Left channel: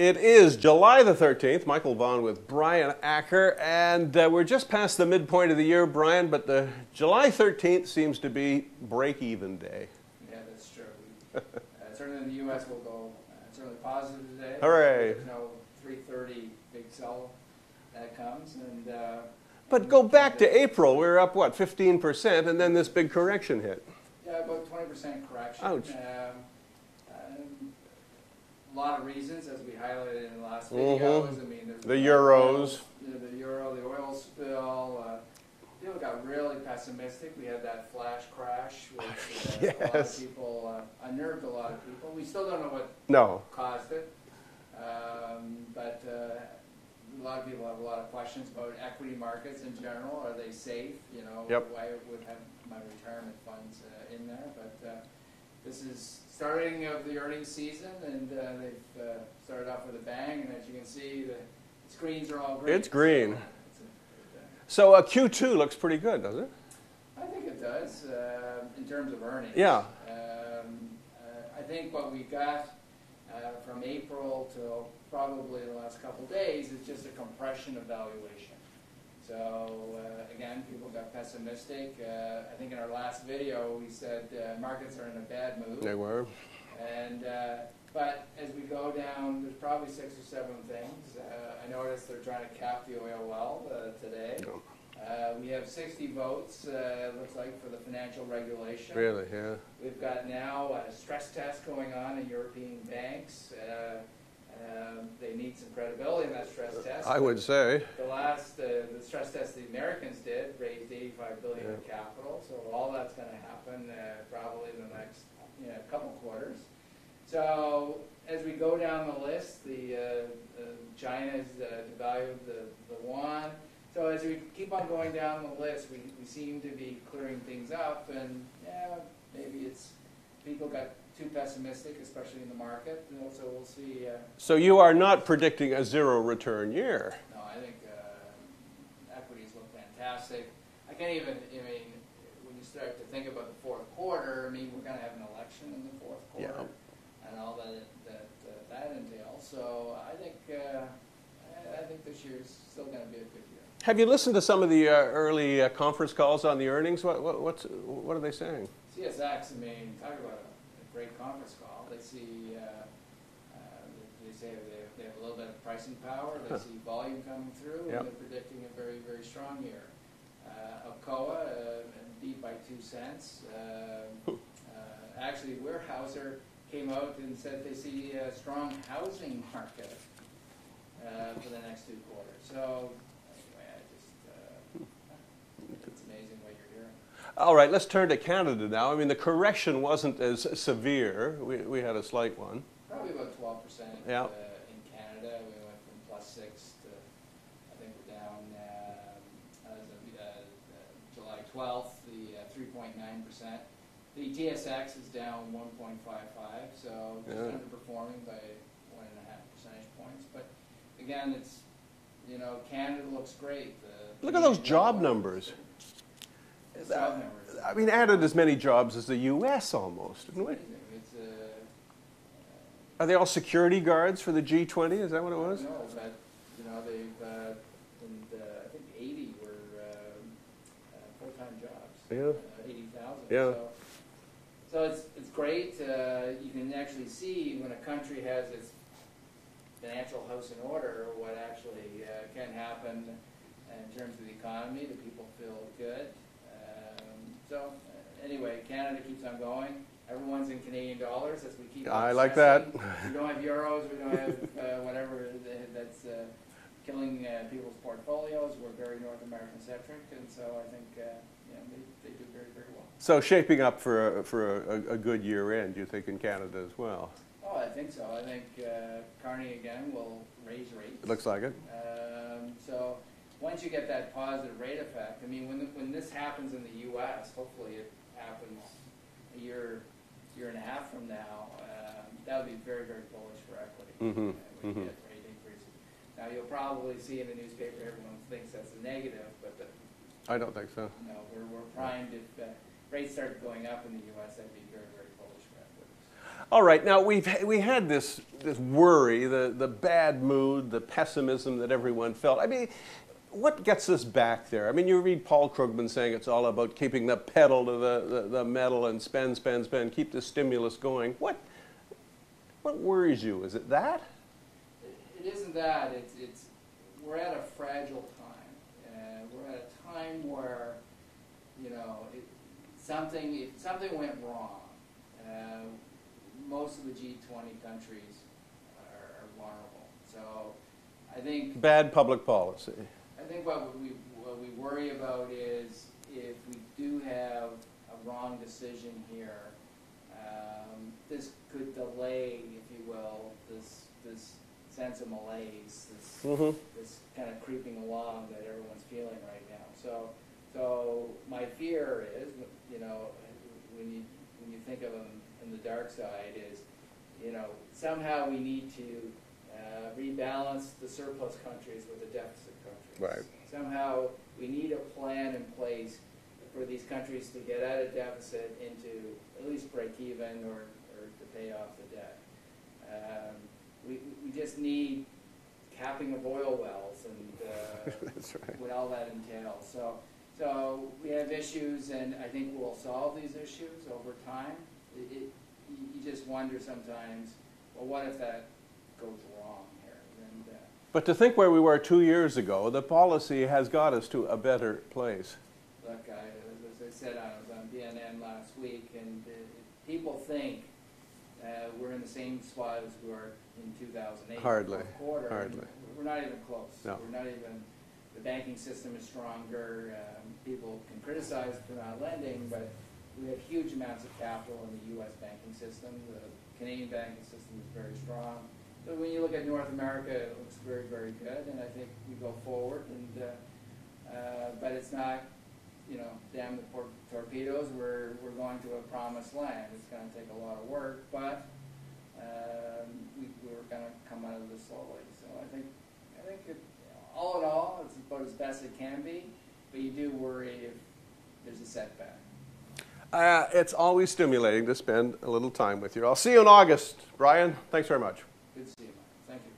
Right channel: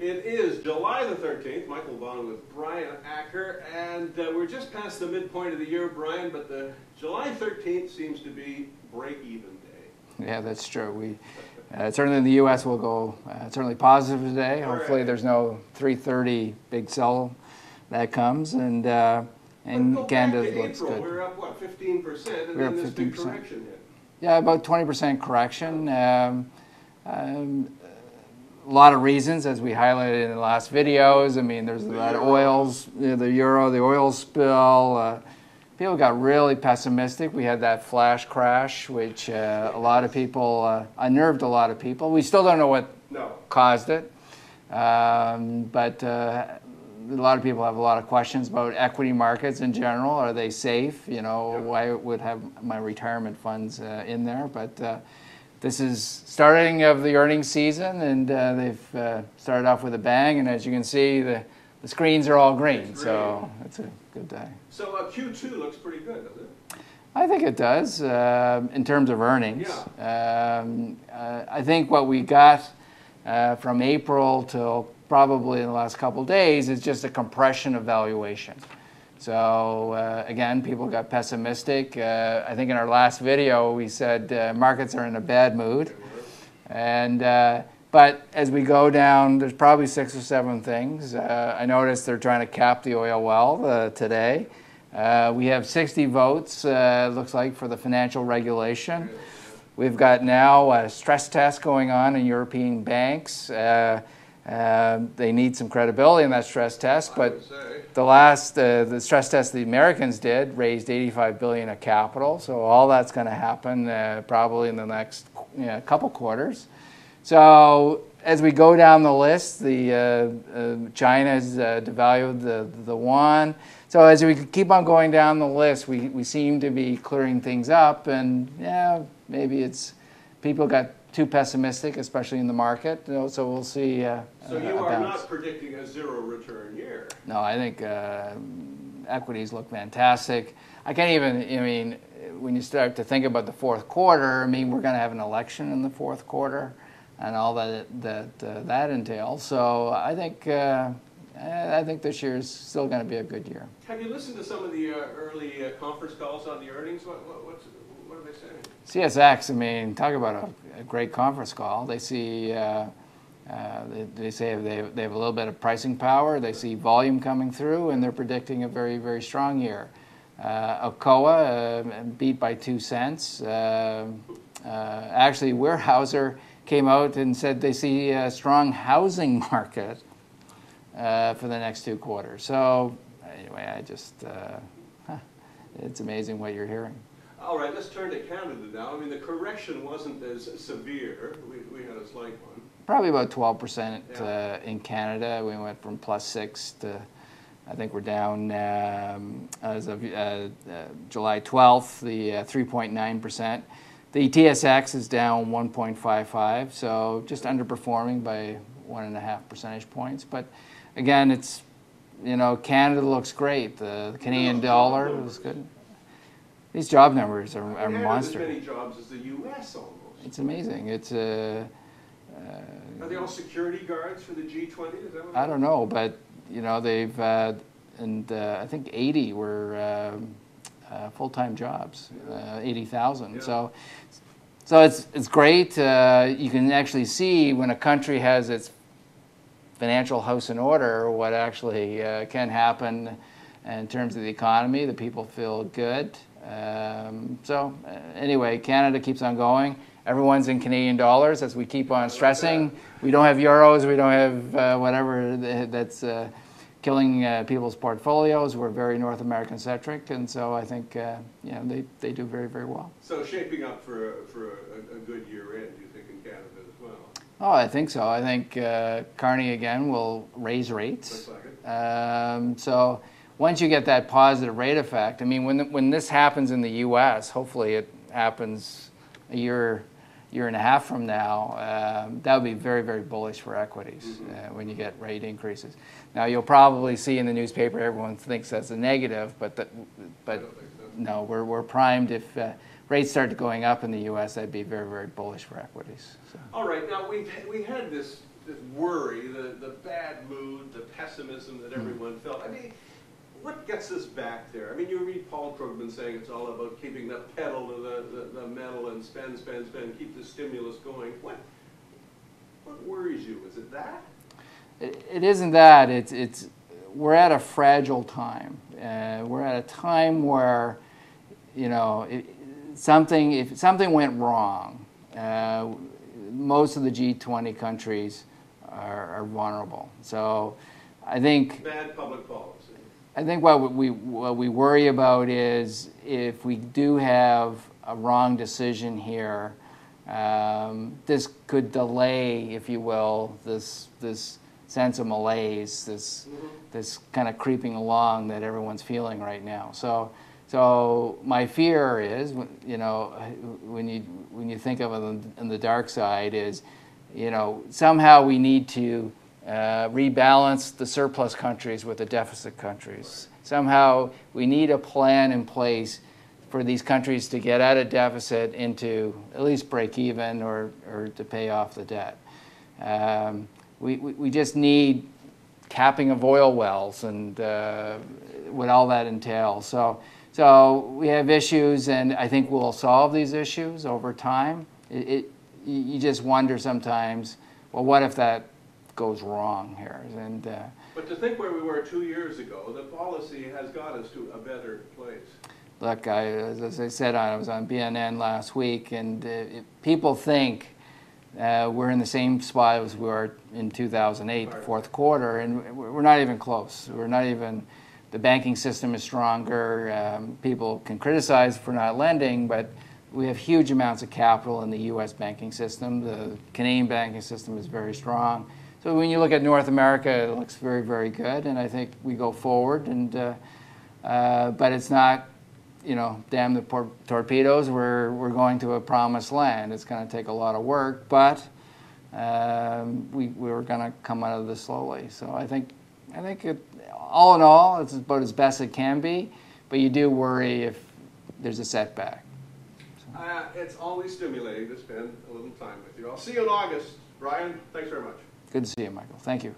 It is July the 13th. Michael Vaughn with Brian Acker, and we're just past the midpoint of the year, Brian, but the July 13th seems to be break-even day. Yeah, that's true. We certainly in the U.S. will go certainly positive today. Hooray. Hopefully there's no 3:30 big sell that comes. And but go back to April. We were up, what, 15%, and then this 15%. Big correction hit. Yeah, about 20% correction. A lot of reasons, as we highlighted in the last videos. I mean, there's the oils, the euro, the oil spill. People got really pessimistic. We had that flash crash, which yes. A lot of people unnerved a lot of people. We still don't know what caused it, but a lot of people have a lot of questions about equity markets in general. Are they safe? You know, why would have my retirement funds in there? But this is starting of the earnings season, and they've started off with a bang. And as you can see, the screens are all green. It's green. So it's a good day. So Q2 looks pretty good, doesn't it? I think it does in terms of earnings. Yeah. I think what we got from April till probably in the last couple of days is just a compression of valuation. So again, people got pessimistic. I think in our last video we said markets are in a bad mood. They were. And but as we go down, there's probably 6 or 7 things. I noticed they're trying to cap the oil well today. We have 60 votes, looks like, for the financial regulation. Really, yeah. We've got now a stress test going on in European banks. They need some credibility in that stress test. I would say. The last, the stress test the Americans did raised $85 billion of capital. So all that's going to happen probably in the next couple quarters. So as we go down the list, China's devalued the yuan. So as we keep on going down the list, we seem to be clearing things up. And yeah, maybe it's people got too pessimistic, especially in the market. So we'll see. So you are not predicting a zero return year? No, I think equities look fantastic. I can't even, I mean, when you start to think about the fourth quarter, I mean, we're going to have an election in the fourth quarter and all that entails. So I think this year is still going to be a good year. Have you listened to some of the early conference calls on the earnings? What are they saying? CSX, I mean, talk about a great conference call. They see, they say they have a little bit of pricing power. They see volume coming through, and they're predicting a very, very strong year. Alcoa beat by 2 cents. Actually, Weyerhaeuser came out and said they see a strong housing market for the next 2 quarters. So anyway, it's amazing what you're hearing. All right, let's turn to Canada now. I mean, the correction wasn't as severe. We had a slight one. Probably about 12% in Canada. We went from +6 to, I think we're down as of July 12th, the 3.9%. The TSX is down 1.55, so just underperforming by 1.5 percentage points. But again, it's, you know, Canada looks great. The Canadian dollar is good. These job numbers are, I mean, added as many jobs as the U.S. almost. It's amazing. It's are they all security guards for the G20? Is that what it was? I don't know, but you know, they've and I think 80 were full-time jobs, 80,000. Yeah. So it's great. You can actually see when a country has its financial house in order, what actually can happen in terms of the economy. The people feel good. So anyway, Canada keeps on going. Everyone's in Canadian dollars, as we keep on stressing. Like we don't have euros. We don't have whatever that's killing people's portfolios. We're very North American centric, and so I think you know, they do very, very well. So shaping up for a good year end, you think, in Canada as well? Oh, I think so. I think Carney again will raise rates. Looks like it. So once you get that positive rate effect, I mean, when this happens in the U.S., hopefully it happens a year and a half from now, that would be very, very bullish for equities when you get rate increases. Now, you'll probably see in the newspaper everyone thinks that's a negative, but I don't think so. No, we're primed. If rates start going up in the U.S., that'd be very, very bullish for equities. So. All right. Now, we had this this worry, the bad mood, the pessimism that everyone felt. I mean, what gets us back there? I mean, you read Paul Krugman saying it's all about keeping the pedal to the metal and spend, spend, spend, keep the stimulus going. What worries you? Is it that? It isn't that. We're at a fragile time. We're at a time where, you know, if something went wrong, most of the G20 countries are vulnerable. So I think bad public policy. I think what we worry about is if we do have a wrong decision here, this could delay, if you will, this sense of malaise, this kind of creeping along that everyone's feeling right now. So my fear is, you know, when you think of it on the dark side, is, you know, somehow we need to rebalance the surplus countries with the deficit countries. Right. Somehow we need a plan in place for these countries to get out of deficit into at least break even or to pay off the debt. We just need capping of oil wells and what all that entails. So we have issues, and I think we'll solve these issues over time. You just wonder sometimes, well, what if that goes wrong here? But to think where we were 2 years ago, the policy has got us to a better place. Look, as I said, I was on BNN last week, and people think we're in the same spot as we were in 2008, the fourth quarter, and we're not even close. No. We're not even. The banking system is stronger. People can criticize for not lending, but we have huge amounts of capital in the U.S. banking system. The Canadian banking system is very strong. So when you look at North America, it looks very, very good, and I think we go forward. But it's not, you know, damn the torpedoes. We're going to a promised land. It's going to take a lot of work, but we're going to come out of this slowly. So I think all in all, it's about as best it can be. But you do worry if there's a setback. It's always stimulating to spend a little time with you. I'll see you in August. Brian, thanks very much. Good to see you, Michael. Thank you.